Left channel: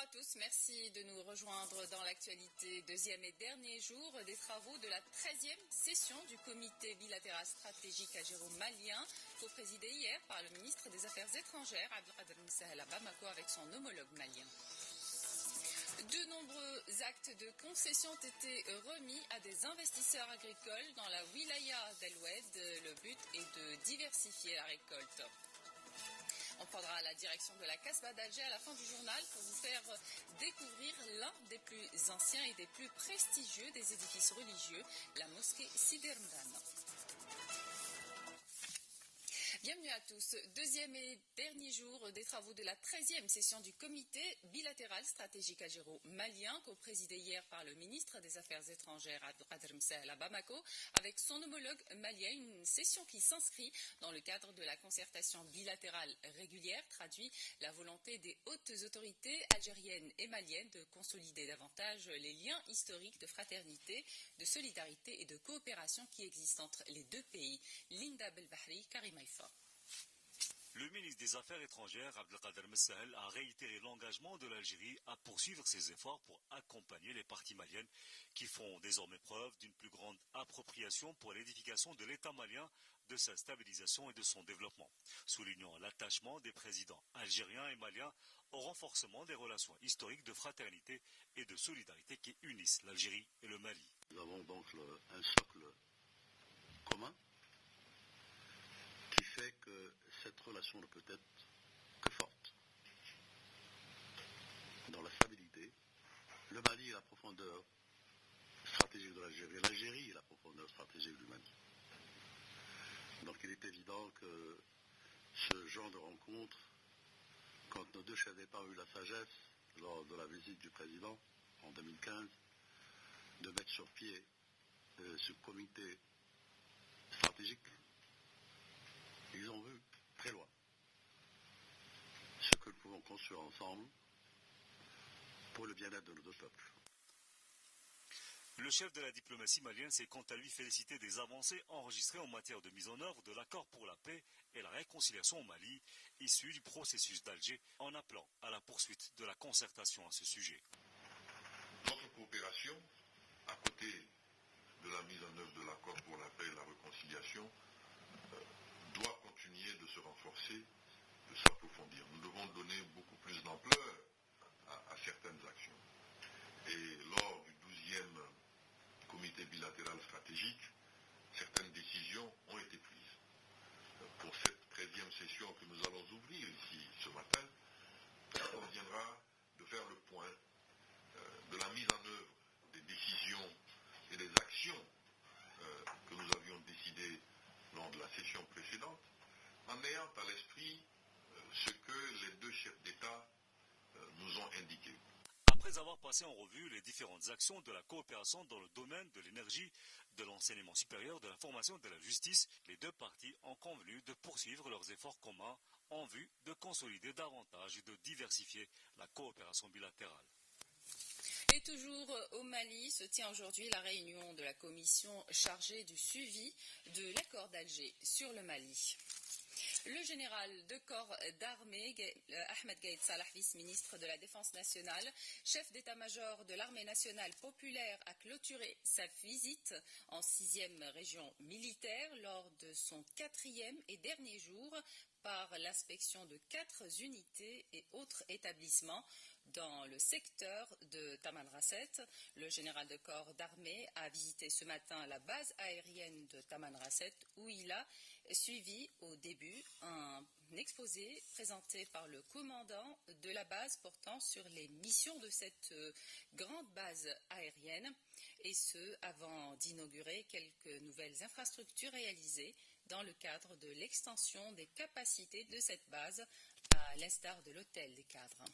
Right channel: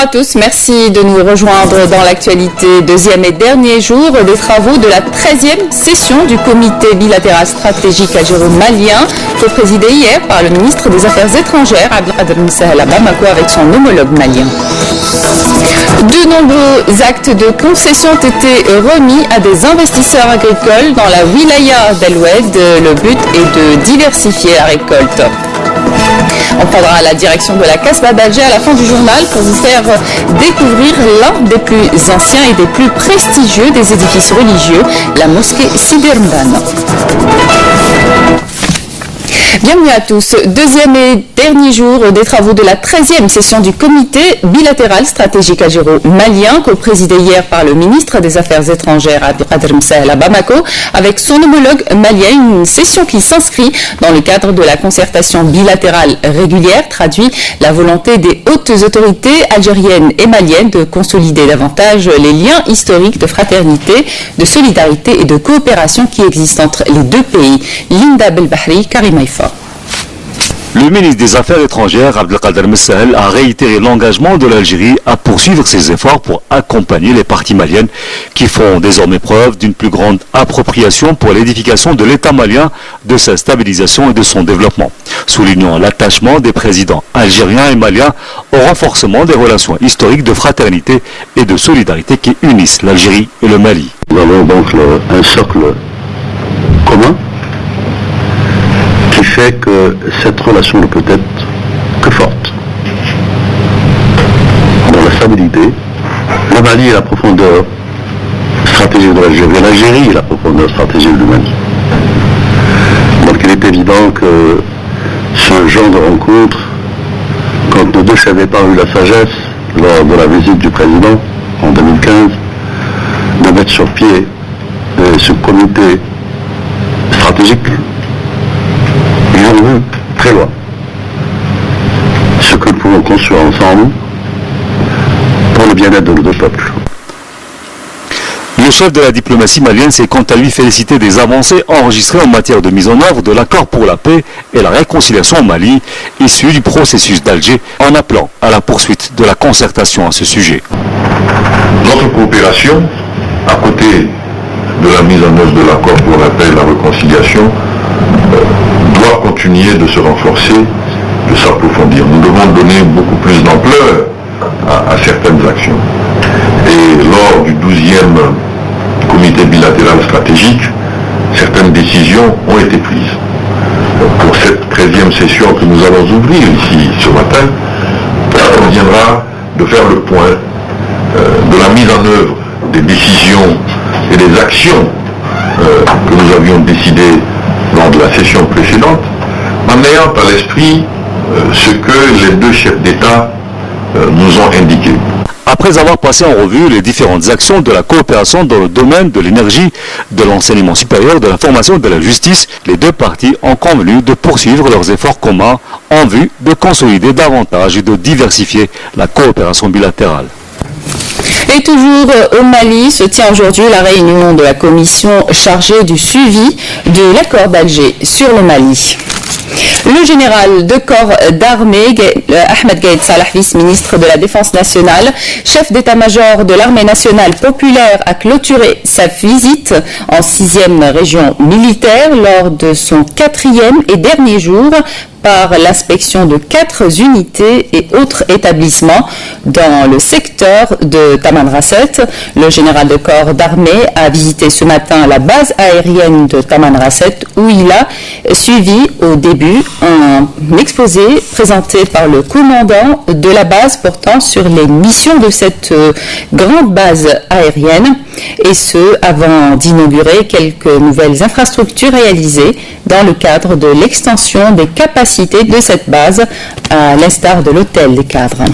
Bonjour à tous, merci de nous rejoindre dans l'actualité. Deuxième et dernier jour des travaux de la 13e session du comité bilatéral stratégique algéro-malien, co-présidé hier par le ministre des Affaires étrangères, Abdelkader Msahel à Bamako, avec son homologue malien. De nombreux actes de concession ont été remis à des investisseurs agricoles dans la wilaya d'El-Oued. Le but est de diversifier la récolte. On prendra la direction de la Casbah d'Alger à la fin du journal pour vous faire découvrir l'un des plus anciens et des plus prestigieux des édifices religieux, la mosquée Sidi Rmdan. Bienvenue à tous. Deuxième et dernier jour des travaux de la 13e session du comité bilatéral stratégique algéro-malien, co-présidé hier par le ministre des Affaires étrangères Abdelkader Msahel à Bamako, avec son homologue malien, une session qui s'inscrit dans le cadre de la concertation bilatérale régulière, traduit la volonté des hautes autorités algériennes et maliennes de consolider davantage les liens historiques de fraternité, de solidarité et de coopération qui existent entre les deux pays. Linda Belbahri, Karima Ifa. Le ministre des Affaires étrangères, Abdelkader Msahel, a réitéré l'engagement de l'Algérie à poursuivre ses efforts pour accompagner les parties maliennes qui font désormais preuve d'une plus grande appropriation pour l'édification de l'État malien, de sa stabilisation et de son développement, soulignant l'attachement des présidents algériens et maliens au renforcement des relations historiques de fraternité et de solidarité qui unissent l'Algérie et le Mali. Nous avons donc un socle commun qui fait que cette relation ne peut être que forte. Dans la stabilité, le Mali est la profondeur stratégique de l'Algérie, l'Algérie est la profondeur stratégique du Mali. Donc il est évident que ce genre de rencontre, quand nos deux chefs d'État ont eu la sagesse, lors de la visite du président en 2015, de mettre sur pied ce comité stratégique, ils ont vu très loin ce que nous pouvons construire ensemble pour le bien-être de nos deux peuples. Le chef de la diplomatie malienne s'est quant à lui félicité des avancées enregistrées en matière de mise en œuvre de l'accord pour la paix et la réconciliation au Mali, issu du processus d'Alger, en appelant à la poursuite de la concertation à ce sujet. Notre coopération, à côté de la mise en œuvre de l'accord pour la paix et la réconciliation, doit continuer de se renforcer, de s'approfondir. Nous devons donner beaucoup plus d'ampleur à certaines actions. Et lors du 12e comité bilatéral stratégique, certaines décisions ont été prises. Pour cette 13e session que nous allons ouvrir ici ce matin, il conviendra de faire le point de la mise en œuvre des décisions et des actions que nous avions décidées lors de la session précédente, en ayant à l'esprit ce que les deux chefs d'État nous ont indiqué. Après avoir passé en revue les différentes actions de la coopération dans le domaine de l'énergie, de l'enseignement supérieur, de la formation et de la justice, les deux parties ont convenu de poursuivre leurs efforts communs en vue de consolider davantage et de diversifier la coopération bilatérale. Et toujours au Mali se tient aujourd'hui la réunion de la commission chargée du suivi de l'accord d'Alger sur le Mali. Le général de corps d'armée, Ahmed Gaïd Salah, vice-ministre de la Défense nationale, chef d'état-major de l'armée nationale populaire, a clôturé sa visite en 6e région militaire lors de son 4e et dernier jour par l'inspection de 4 unités et autres établissements dans le secteur de Tamanrasset. Le général de corps d'armée a visité ce matin la base aérienne de Tamanrasset où il a suivi au début un exposé présenté par le commandant de la base portant sur les missions de cette grande base aérienne, et ce avant d'inaugurer quelques nouvelles infrastructures réalisées dans le cadre de l'extension des capacités de cette base, à l'instar de l'hôtel des cadres.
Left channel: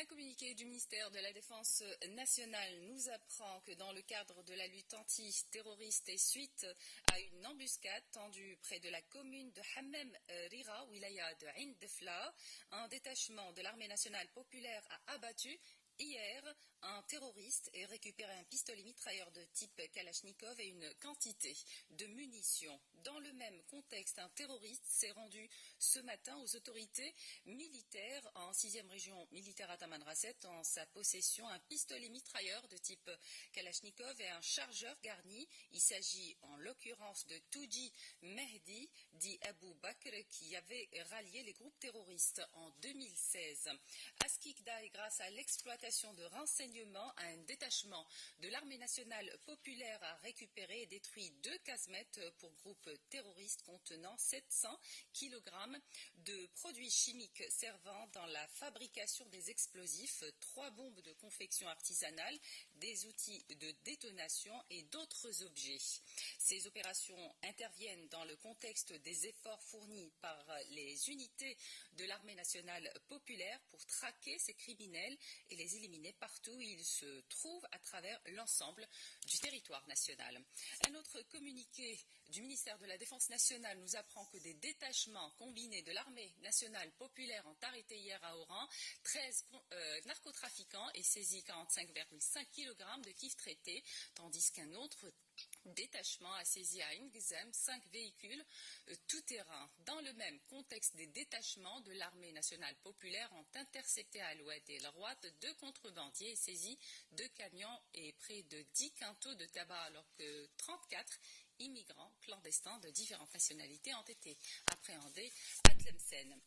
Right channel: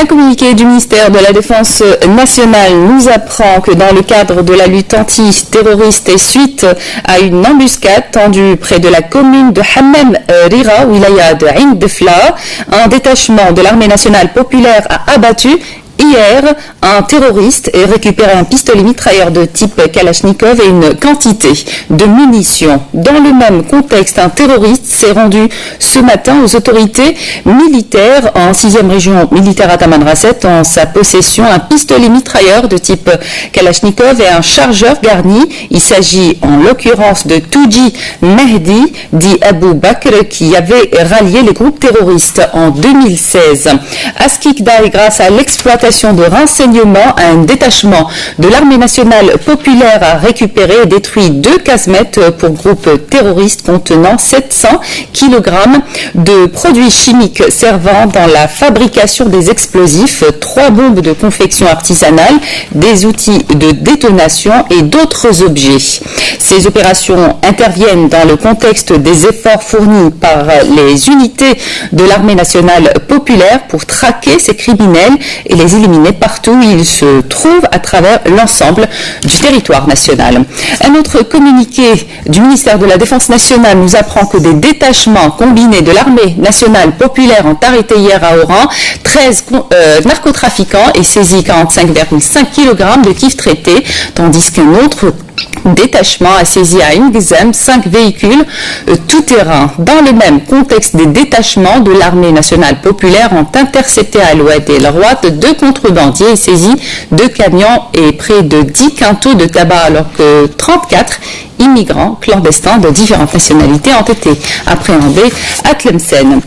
Un communiqué du ministère de la Défense nationale nous apprend que dans le cadre de la lutte antiterroriste et suite à une embuscade tendue près de la commune de Hammam Rira, wilaya de Ain Defla, un détachement de l'armée nationale populaire a abattu hier un terroriste et récupéré un pistolet mitrailleur de type Kalachnikov et une quantité de munitions. Dans le même contexte, un terroriste s'est rendu ce matin aux autorités militaires en 6e région militaire à Tamanrasset en sa possession un pistolet mitrailleur de type Kalachnikov et un chargeur garni. Il s'agit en l'occurrence de Touji Mehdi, dit Abou Bakr, qui avait rallié les groupes terroristes en 2016. À Skikda, grâce à l'exploitation de renseignements, un détachement de l'armée nationale populaire a récupéré et détruit 2 casmettes pour groupes terroristes contenant 700 kg de produits chimiques servant dans la fabrication des explosifs, 3 bombes de confection artisanale, des outils de détonation et d'autres objets. Ces opérations interviennent dans le contexte des efforts fournis par les unités de l'armée nationale populaire pour traquer ces criminels et les éliminés partout où ils se trouvent à travers l'ensemble du territoire national. Un autre communiqué du ministère de la Défense nationale nous apprend que des détachements combinés de l'armée nationale populaire ont arrêté hier à Oran 13 narcotrafiquants et saisi 45,5 kg de kif traités, tandis qu'un autre détachement a saisi à Ingzem 5 véhicules tout-terrain. Dans le même contexte, des détachements de l'armée nationale populaire ont intercepté à l'Oued et El Roi 2 contrebandiers et saisi 2 camions et près de 10 quintaux de tabac, alors que 34 immigrants clandestins de différentes nationalités ont été appréhendés à Tlemcen.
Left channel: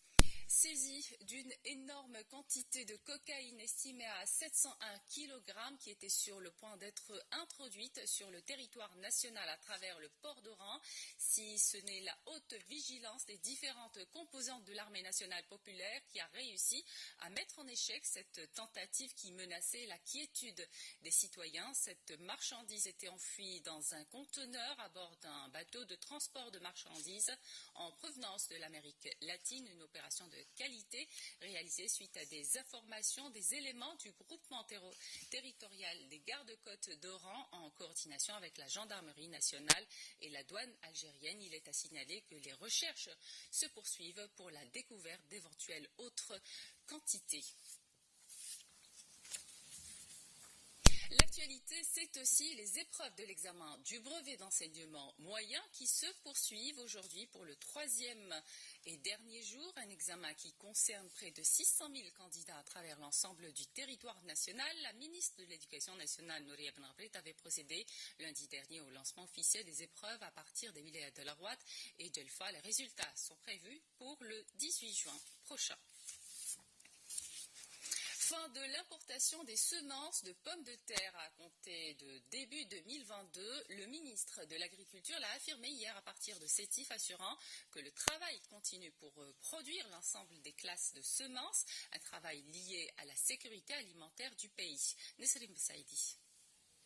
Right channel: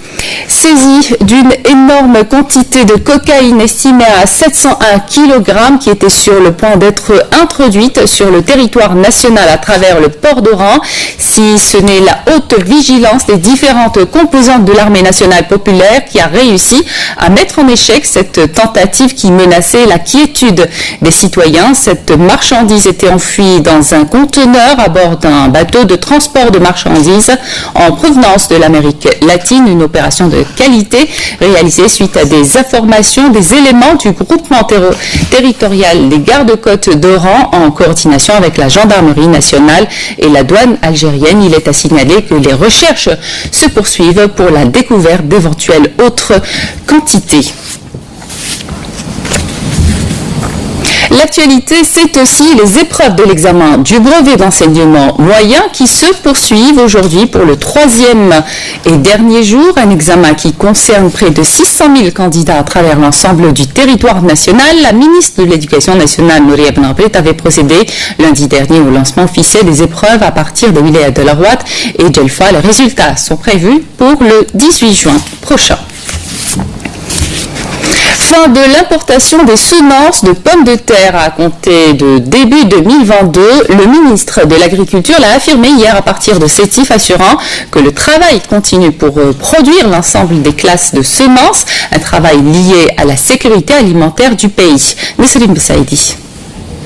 Saisie d'une énorme quantité de cocaïne estimée à 701 kg qui était sur le point d'être introduite sur le territoire national à travers le port d'Oran. Si ce n'est la haute vigilance des différentes composantes de l'armée nationale populaire qui a réussi à mettre en échec cette tentative qui menaçait la quiétude des citoyens. Cette marchandise était enfuie dans un conteneur à bord d'un bateau de transport de marchandises en provenance de l'Amérique latine, une opération de qualité réalisée suite à des informations des éléments du groupement territorial des gardes-côtes d'Oran en coordination avec la gendarmerie nationale et la douane algérienne. Il est à signaler que les recherches se poursuivent pour la découverte d'éventuelles autres quantités. L'actualité, c'est aussi les épreuves de l'examen du brevet d'enseignement moyen qui se poursuivent aujourd'hui pour le 3e et dernier jour. Un examen qui concerne près de 600 000 candidats à travers l'ensemble du territoire national. La ministre de l'Éducation nationale, Nouria Benabrit, avait procédé lundi dernier au lancement officiel des épreuves à partir de Wilaya de la Rouat et Djelfa. Les résultats sont prévus pour le 18 juin prochain. Fin de l'importation des semences de pommes de terre à compter de début 2022. Le ministre de l'Agriculture l'a affirmé hier à partir de Sétif, assurant que le travail continue pour produire l'ensemble des classes de semences, un travail lié à la sécurité alimentaire du pays. Nesrine Bessaïdi.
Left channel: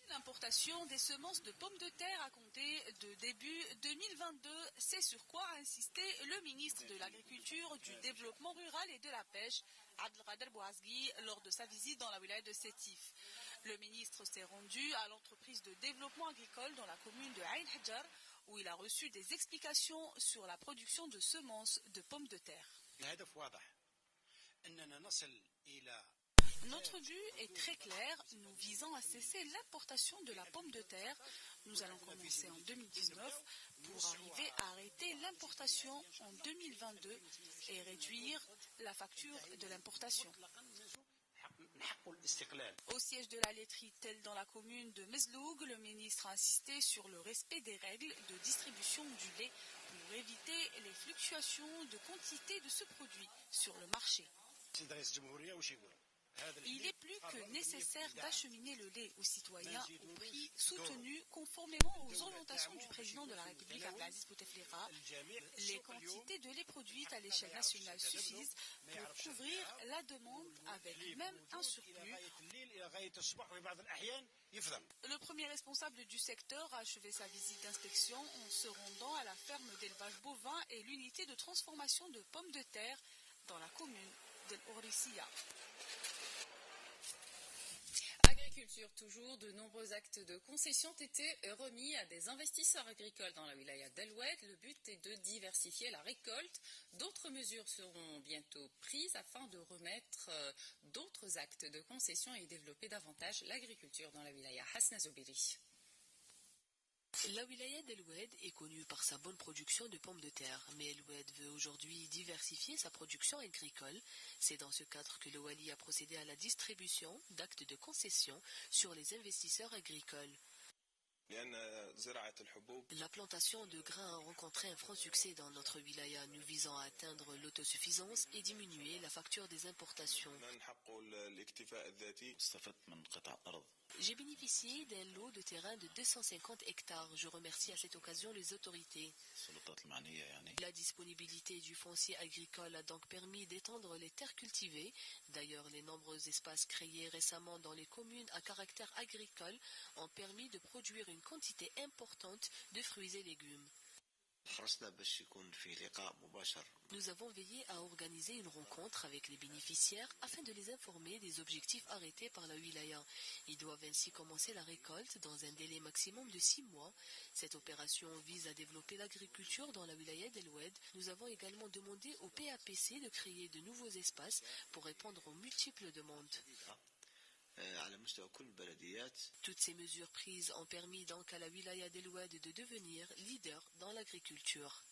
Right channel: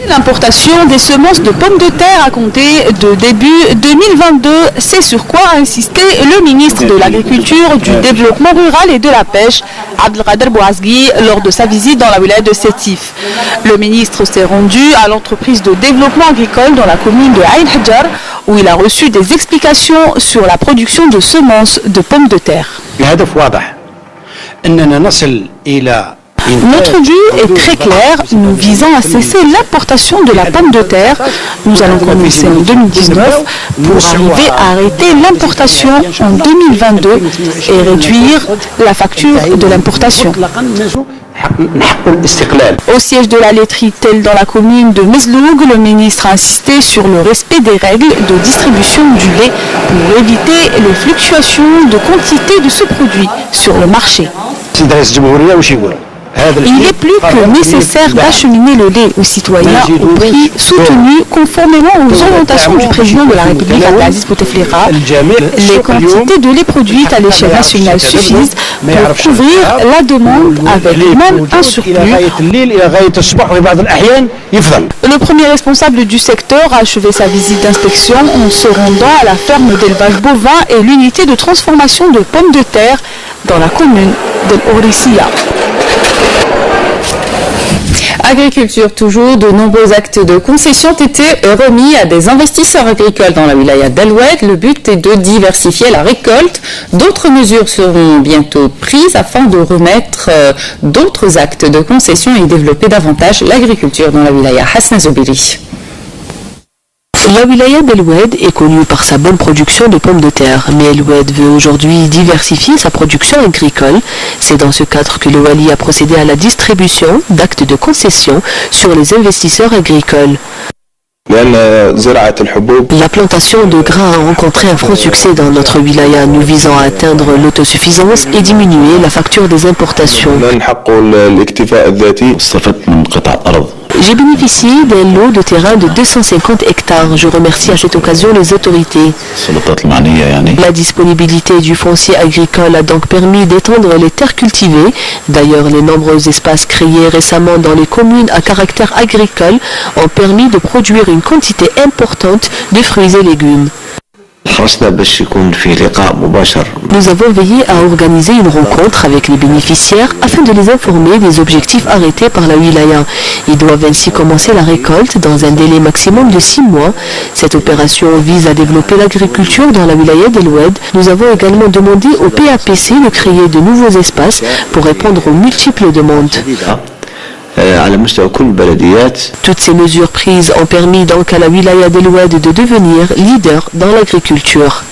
L'importation des semences de pommes de terre à compter de début 2022, c'est sur quoi a insisté le ministre de l'Agriculture, du Développement rural et de la Pêche, Abdelkader Bouazgui, lors de sa visite dans la wilaya de Sétif. Le ministre s'est rendu à l'entreprise de développement agricole dans la commune de Ain Hadjar, où il a reçu des explications sur la production de semences de pommes de terre. Notre but est très clair, nous visons à cesser l'importation de la pomme de terre. Nous allons commencer en 2019 pour arriver à arrêter l'importation en 2022 et réduire la facture de l'importation. Au siège de la laiterie telle dans la commune de Mezloug, le ministre a insisté sur le respect des règles de distribution du lait pour éviter les fluctuations de quantité de ce produit sur le marché. Il est plus que nécessaire d'acheminer le lait aux citoyens au prix soutenu conformément aux orientations du président de la République, Abdelaziz Bouteflika. Les quantités de lait produites à l'échelle nationale suffisent pour couvrir la demande avec même un surplus. Le premier responsable du secteur a achevé sa visite d'inspection en se rendant à la ferme d'élevage bovin et l'unité de transformation de pommes de terre dans la commune d'El Ourisiya. Agriculture toujours, de nombreux actes de concession ont été remis à des investisseurs agricoles dans la wilaya d'El Oued. Le but est de diversifier la récolte. D'autres mesures seront bientôt prises afin de remettre d'autres actes de concession et développer davantage l'agriculture dans la wilaya. Hasna Zobiri. La wilaya d'El Oued est connue par sa bonne production de pommes de terre, mais El Oued veut aujourd'hui diversifier sa production agricole. C'est dans ce cadre que le Wali a procédé à la distribution d'actes de concession sur les investisseurs agricoles. La plantation de grains a rencontré un franc succès dans notre wilaya, nous visant à atteindre l'autosuffisance et diminuer la facture des importations. J'ai bénéficié d'un lot de terrain de 250 hectares. Je remercie à cette occasion les autorités. La disponibilité du foncier agricole a donc permis d'étendre les terres cultivées. D'ailleurs, les nombreux espaces créés récemment dans les communes à caractère agricole ont permis de produire une quantité importante de fruits et légumes. Nous avons veillé à organiser une rencontre avec les bénéficiaires afin de les informer des objectifs arrêtés par la wilaya. Ils doivent ainsi commencer la récolte dans un délai maximum de 6 mois. Cette opération vise à développer l'agriculture dans la wilaya d'El Oued. Nous avons également demandé au PAPC de créer de nouveaux espaces pour répondre aux multiples demandes. Toutes ces mesures prises ont permis donc à la wilaya d'El Oued de devenir leader dans l'agriculture.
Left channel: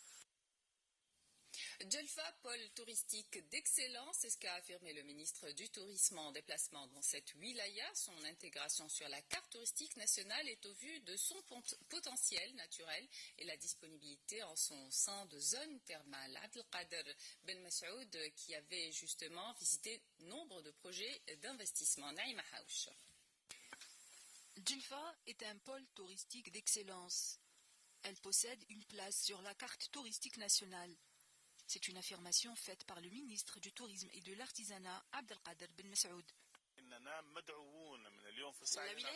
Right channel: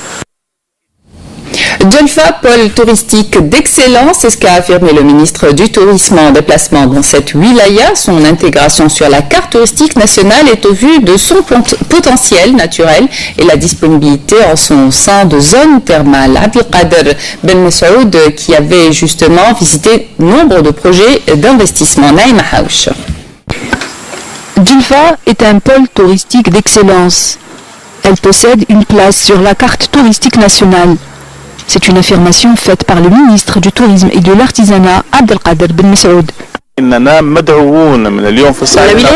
Djelfa, pôle touristique d'excellence, c'est ce qu'a affirmé le ministre du Tourisme en déplacement dans cette wilaya. Son intégration sur la carte touristique nationale est au vu de son potentiel naturel et la disponibilité en son sein de zones thermales. Abdelkader Ben Messoud qui avait justement visité nombre de projets d'investissement. Naïma Haouch. Djelfa est un pôle touristique d'excellence. Elle possède une place sur la carte touristique nationale. C'est une affirmation faite par le ministre du Tourisme et de l'Artisanat, Abdelkader Ben Messoud. La wilaya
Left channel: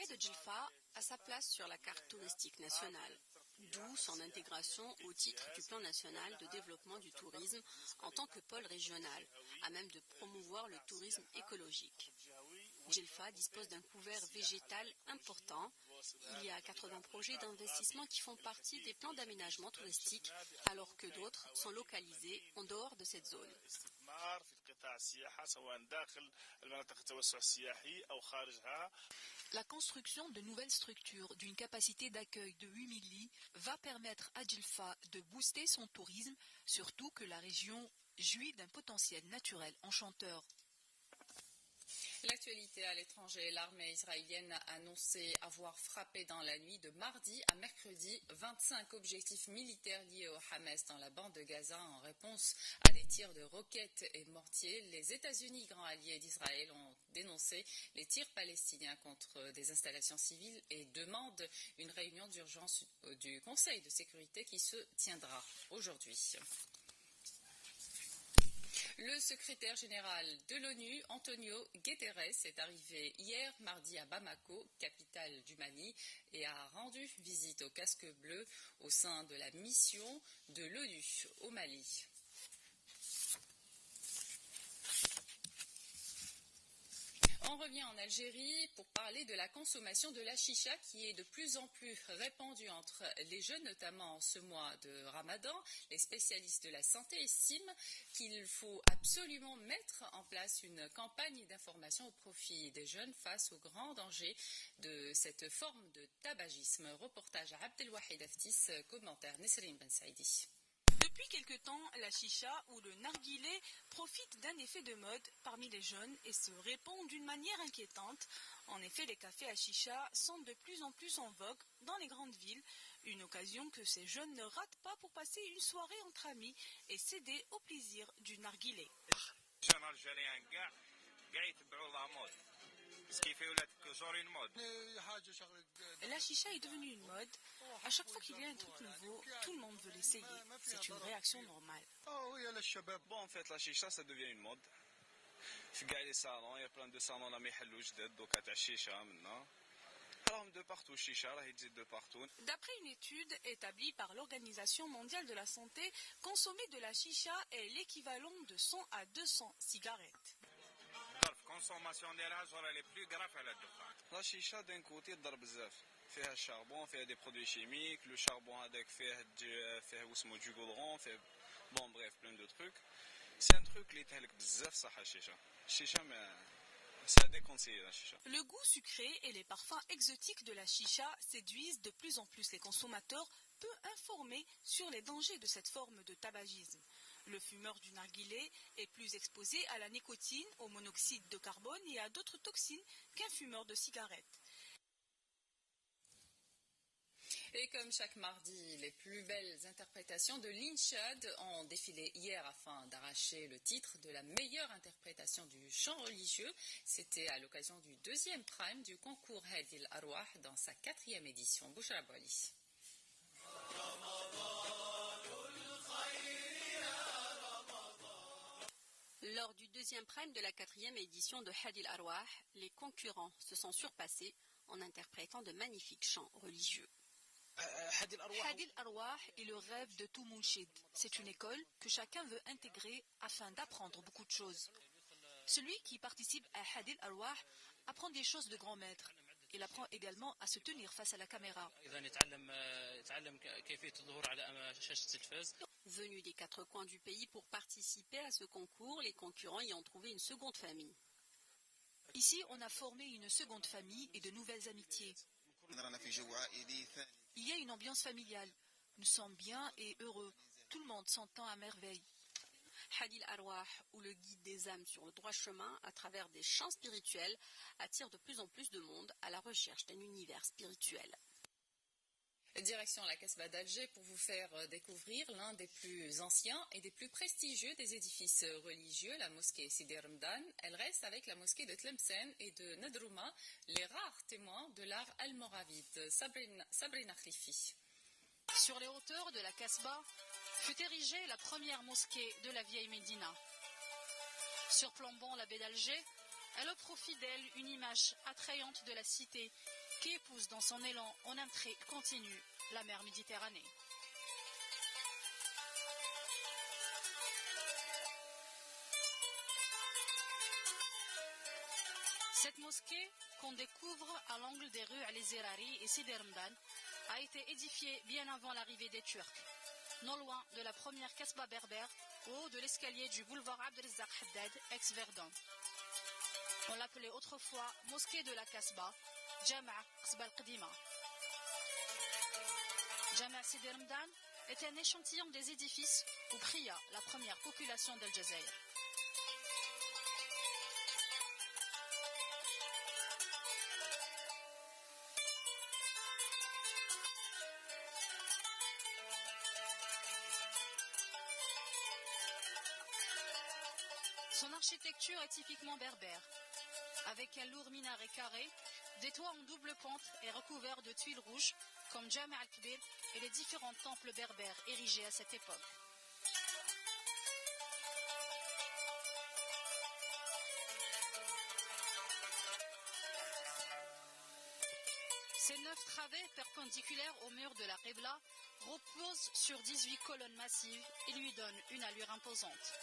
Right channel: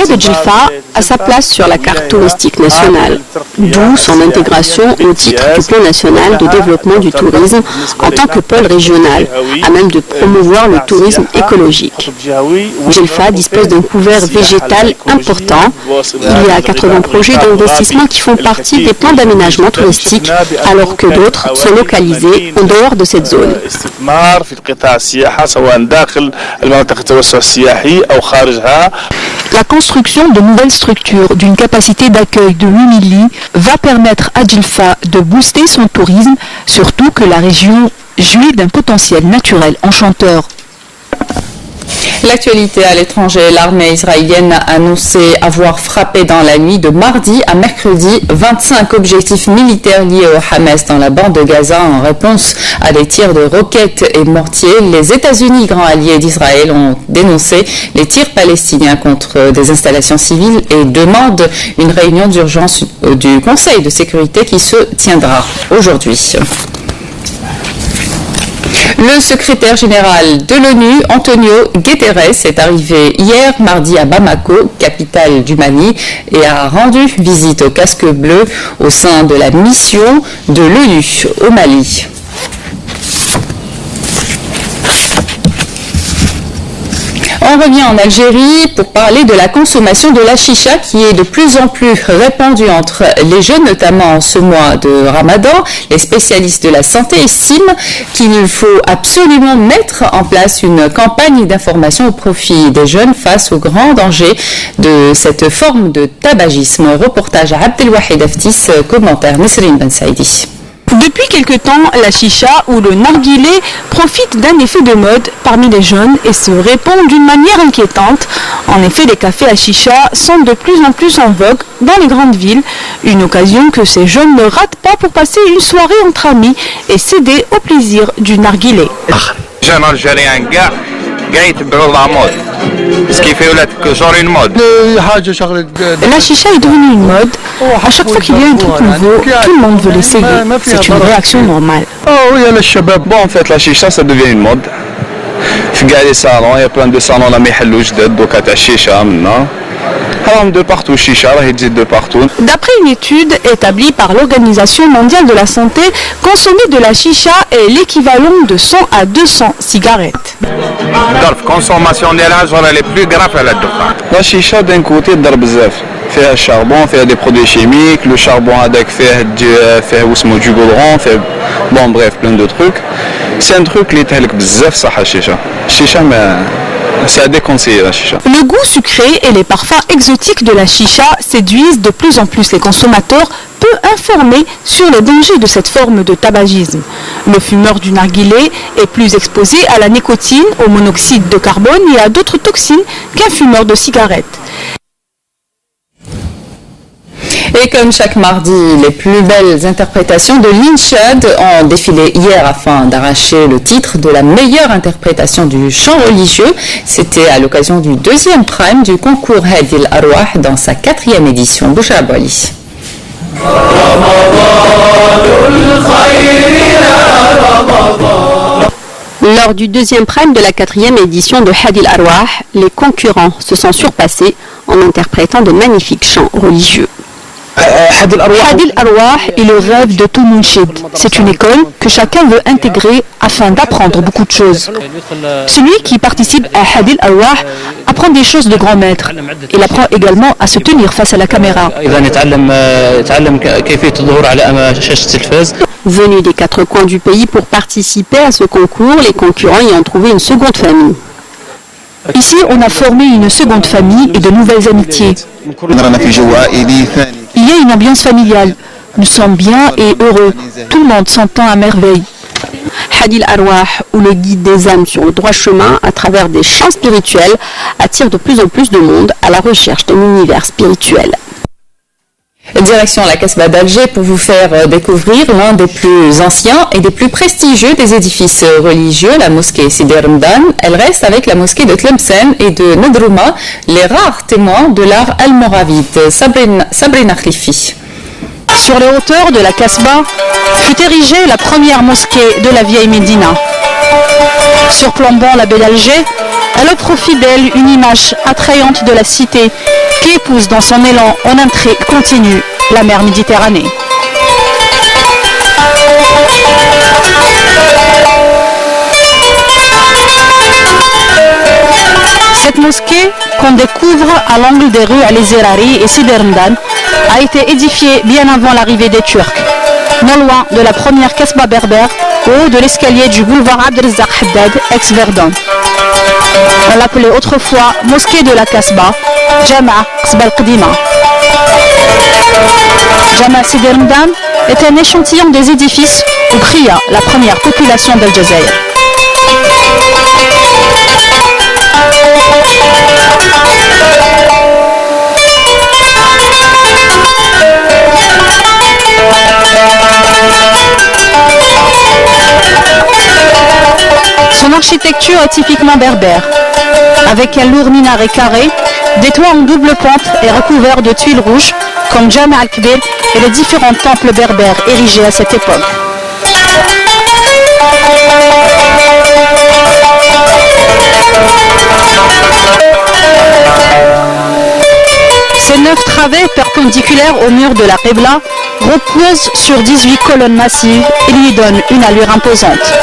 de Djelfa a sa place sur la carte touristique nationale, d'où son intégration au titre du Plan national de développement du tourisme en tant que pôle régional, à même de promouvoir le tourisme écologique. Djelfa dispose d'un couvert végétal important. Il y a 80 projets d'investissement qui font partie des plans d'aménagement touristique, alors que d'autres sont localisés en dehors de cette zone. La construction de nouvelles structures d'une capacité d'accueil de 8000 lits va permettre à Djelfa de booster son tourisme, surtout que la région jouit d'un potentiel naturel enchanteur. L'actualité à l'étranger, l'armée israélienne a annoncé avoir frappé dans la nuit de mardi à mercredi 25 objectifs militaires liés au Hamas dans la bande de Gaza en réponse à des tirs de roquettes et mortiers. Les États-Unis, grands alliés d'Israël, ont dénoncé les tirs palestiniens contre des installations civiles et demandent une réunion d'urgence du Conseil de sécurité qui se tiendra aujourd'hui. Le secrétaire général de l'ONU, Antonio Guterres, est arrivé hier mardi à Bamako, capitale du Mali, et a rendu visite au casque bleu au sein de la mission de l'ONU au Mali. On revient en Algérie pour parler de la consommation de la chicha qui est de plus en plus répandue entre les jeunes, notamment en ce mois de Ramadan. Les spécialistes de la santé estiment qu'il faut absolument mettre en place une campagne d'information au profit des jeunes face aux grands dangers de cette forme de tabagisme. Reportage à Abdelwahid Aftis, commentaire Nesrine Ben Saïdi. Depuis quelque temps, la chicha ou le narguilé profite d'un effet de mode parmi les jeunes et se répand d'une manière inquiétante. En effet, les cafés à chicha sont de plus en plus en vogue dans les grandes villes, une occasion que ces jeunes ne ratent pas pour passer une soirée entre amis et céder au plaisir du narguilé. Jeune Algérien gars, ce qui fait que genre une mode. La chicha est devenue une mode. À chaque fois qu'il y a un truc nouveau, tout le monde veut l'essayer. C'est une réaction normale. Bon, en fait, la chicha, ça devient une mode. Il y a plein de salons, là, mais il y a chicha maintenant. de partout, chicha, de partout. D'après une étude établie par l'Organisation mondiale de la santé, consommer de la chicha est l'équivalent de 100 à 200 cigarettes. La consommation des elle est plus grave à la dukhan. La chicha d'un côté ضرب بزاف. فيها charbon, فيها des produits chimiques, le charbon هذاك فيه واسمو du goudron, bon bref plein de trucs. C'est un truc اللي تهلك بزاف صح الشيشة. الشيشة ما c'est à déconseiller la chicha. Le goût sucré et les parfums exotiques de la chicha séduisent de plus en plus les consommateurs, peu informés sur les dangers de cette forme de tabagisme. Le fumeur du narguilé est plus exposé à la nicotine, au monoxyde de carbone et à d'autres toxines qu'un fumeur de cigarettes. Et comme chaque mardi, les plus belles interprétations de l'Inchad ont défilé hier afin d'arracher le titre de la meilleure interprétation du chant religieux. C'était à l'occasion du deuxième prime du concours Hadil Arwah dans sa 4e édition. Bouchra Bali. Lors du deuxième prime de la 4e édition de Hadil Arwah, les concurrents se sont surpassés en interprétant de magnifiques chants religieux. Hadil Arwah est le rêve de tout Mounchid. C'est une école que chacun veut intégrer afin d'apprendre beaucoup de choses. Celui qui participe à Hadil Arwah apprend des choses de grands maîtres. Il apprend également à se tenir face à la caméra. Venus des 4 coins du pays pour participer à ce concours, les concurrents y ont trouvé une seconde famille. Ici, on a formé une seconde famille et de nouvelles amitiés. Il y a une ambiance familiale. Nous sommes bien et heureux. Tout le monde s'entend à merveille. Hadil Arwah, ou le guide des âmes sur le droit chemin à travers des chants spirituels, attire de plus en plus de monde à la recherche d'un univers spirituel. Direction la Casbah d'Alger pour vous faire découvrir l'un des plus anciens et des plus prestigieux des édifices religieux, la mosquée Sidi Ramadan. Elle reste avec la mosquée de Tlemcen et de Nadrouma, les rares témoins de l'art almoravide. Sabrina Khlifi. Sur les hauteurs de la Casbah fut érigée la première mosquée de la vieille Médina. Surplombant la baie d'Alger, elle offre aux fidèles une image attrayante de la cité qui épouse dans son élan en intrigue continue la mer Méditerranée. Cette mosquée, qu'on découvre à l'angle des rues Al-Zerari et Sidi Ramadan, a été édifiée bien avant l'arrivée des Turcs, non loin de la première Casbah berbère, au haut de l'escalier du boulevard Abdelrazak Haddad, ex-Verdun. On l'appelait autrefois mosquée de la Casbah, Jama' Casbah al-Qadima. Jama' Sidi Ramadan est un échantillon des édifices où pria la première population d'Al-Jazaïr. Son architecture est typiquement berbère, avec un lourd minaret carré, des toits en double pente et recouverts de tuiles rouges, comme Jama' al-Kbir et les différents temples berbères érigés à cette époque. Ces 9 travées perpendiculaires au mur de la Qibla reposent sur 18 colonnes massives et lui donnent une allure imposante.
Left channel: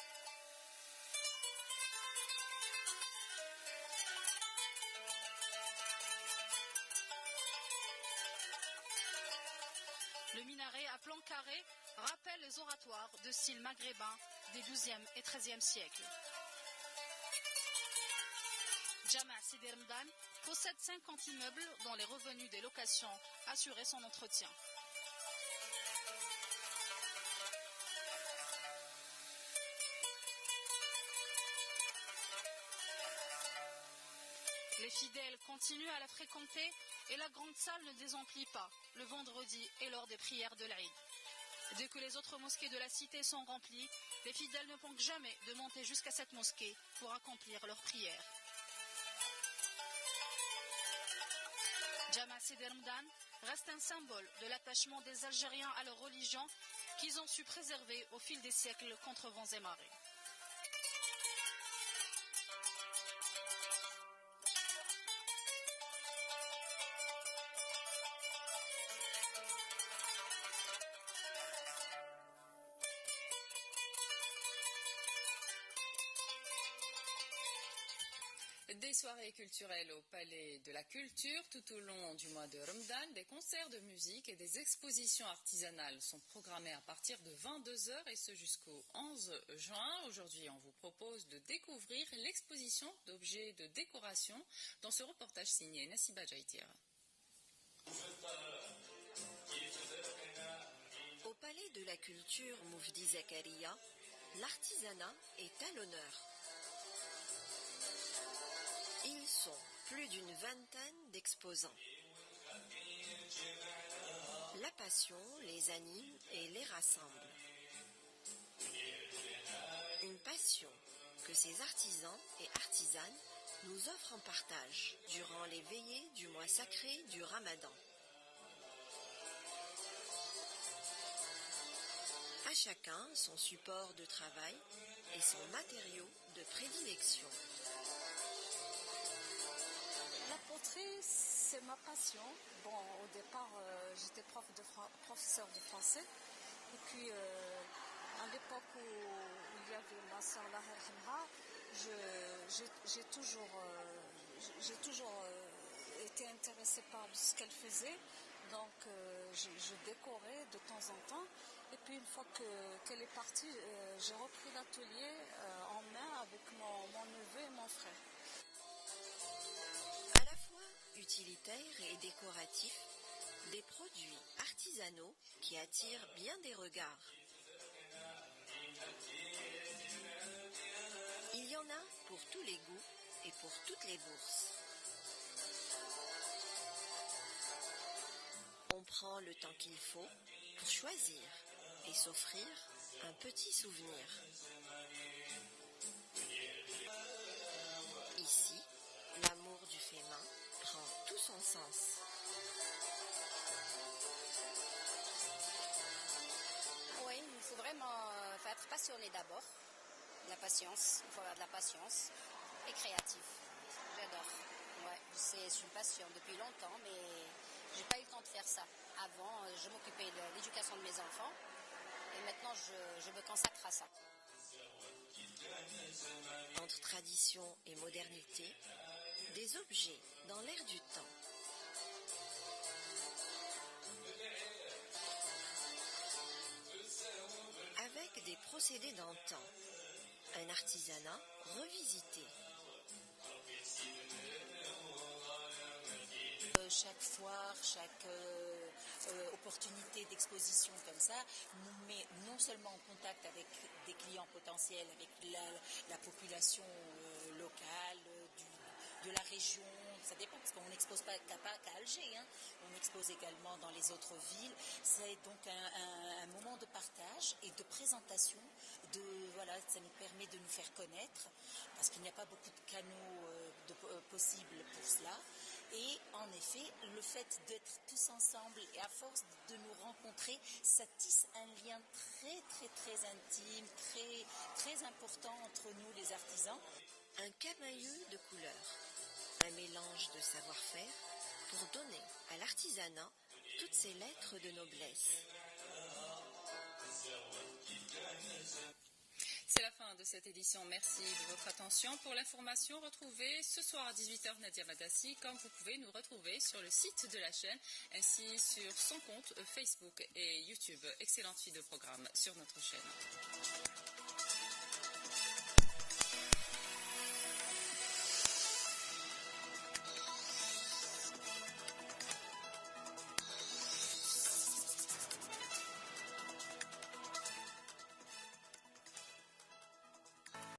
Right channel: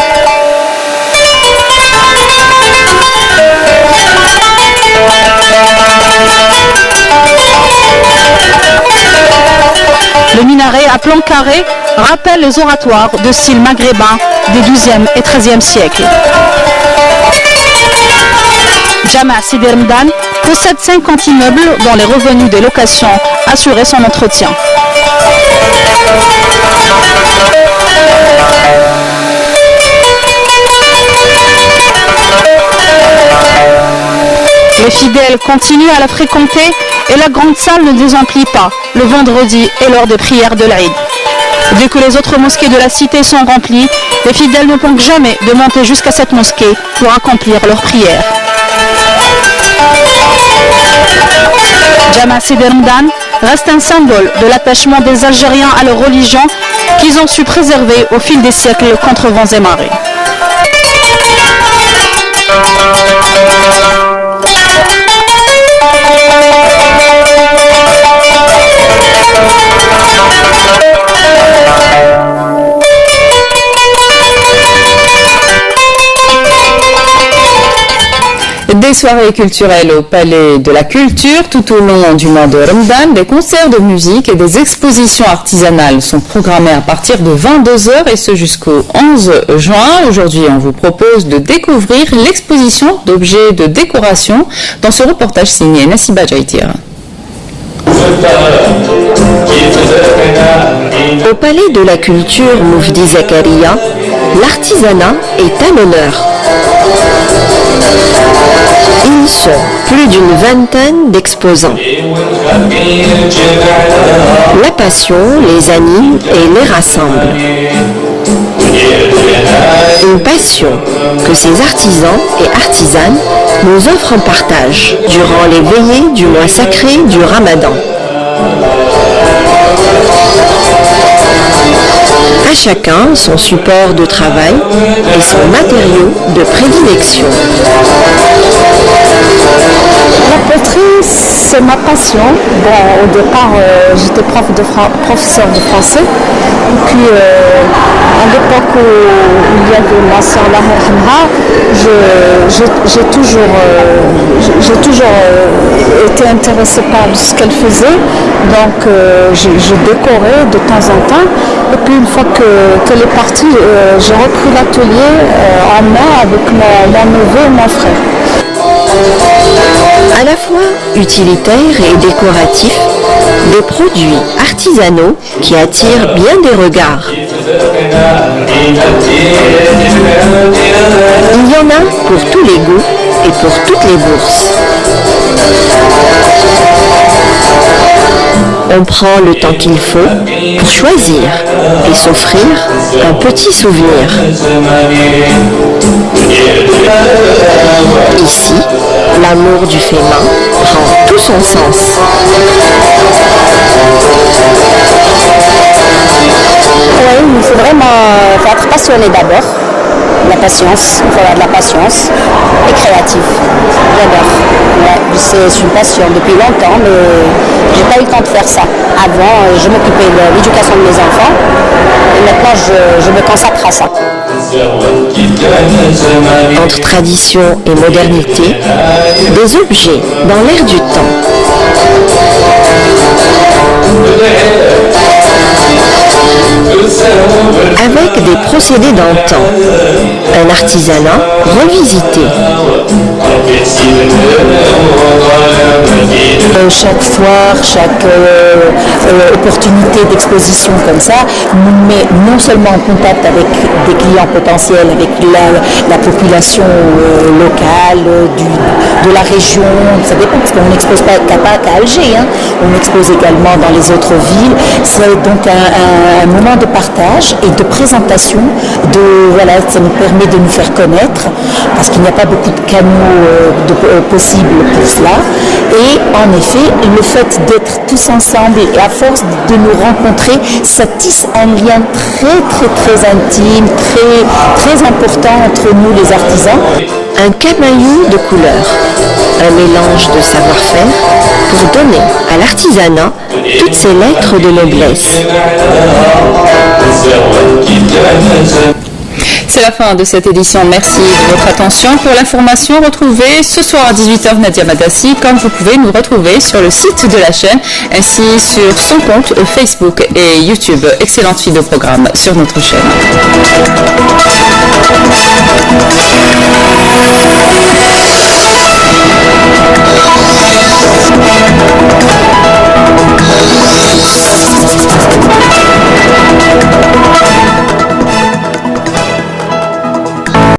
Le minaret à plan carré rappelle les oratoires de style maghrébin des XIIe et XIIIe siècles. Jama' Sidi Ramadan possède 50 immeubles dont les revenus des locations assuraient son entretien. Les fidèles continuent à la fréquenter et la grande salle ne désemplit pas le vendredi et lors des prières de l'Aïd. Dès que les autres mosquées de la cité sont remplies, les fidèles ne manquent jamais de monter jusqu'à cette mosquée pour accomplir leurs prières. Jama' Sidi Ramadan reste un symbole de l'attachement des Algériens à leur religion qu'ils ont su préserver au fil des siècles contre vents et marées. soirées culturelles au Palais de la Culture tout au long du mois de Ramadan. Des concerts de musique et des expositions artisanales sont programmés à partir de 22h et ce jusqu'au 11 juin. Aujourd'hui, on vous propose de découvrir l'exposition d'objets de décoration dans ce reportage signé Nassiba Jaïtir. Au Palais de la Culture Moufdi Zakaria, l'artisanat est à l'honneur. Ils sont plus d'une vingtaine d'exposants. La passion les anime et les rassemble. Une passion que ces artisans et artisanes nous offrent en partage durant les veillées du mois sacré du Ramadan. À chacun son support de travail et son matériau de prédilection. La poterie, c'est ma passion. Bon, au départ, j'étais professeur de français. Et puis, à l'époque où il y avait ma soeur Lahirhamha, j'ai toujours été intéressée par ce qu'elle faisait. Donc, je décorais de temps en temps. Et puis, une fois qu'elle est partie, j'ai repris l'atelier en main avec mon neveu et mon frère. À la fois utilitaires et décoratifs, des produits artisanaux qui attirent bien des regards. Il y en a pour tous les goûts et pour toutes les bourses. On prend le temps qu'il faut pour choisir et s'offrir un petit souvenir. Ici, l'amour du fait main prend tout son sens. Oui, il faut vraiment être passionné d'abord. La patience, il faut avoir de la patience et créatif. J'adore. Ouais, c'est une passion depuis longtemps, mais j'ai pas eu le temps de faire ça. Avant, je m'occupais de l'éducation de mes enfants et maintenant je me consacre à ça. Entre tradition et modernité, des objets dans l'air du temps. Avec des procédés d'antan, un artisanat revisité. Chaque foire, chaque opportunité d'exposition comme ça nous met non seulement en contact avec des clients potentiels, avec la population locale, de la région, ça dépend parce qu'on n'expose pas qu'à Alger, hein. On expose également dans les autres villes. C'est donc un moment de partage et de présentation, ça nous permet de nous faire connaître parce qu'il n'y a pas beaucoup de canaux possibles pour cela. Et en effet, le fait d'être tous ensemble et à force de nous rencontrer, ça tisse un lien très intime, très important entre nous les artisans. Un camaillou de couleurs, un mélange de savoir-faire pour donner à l'artisanat toutes ses lettres de noblesse. C'est la fin de cette édition. Merci de votre attention. Pour l'information, retrouvez ce soir à 18h Nadia Madassi, comme vous pouvez nous retrouver sur le site de la chaîne, ainsi sur son compte Facebook et YouTube. Excellente suite de programme sur notre chaîne.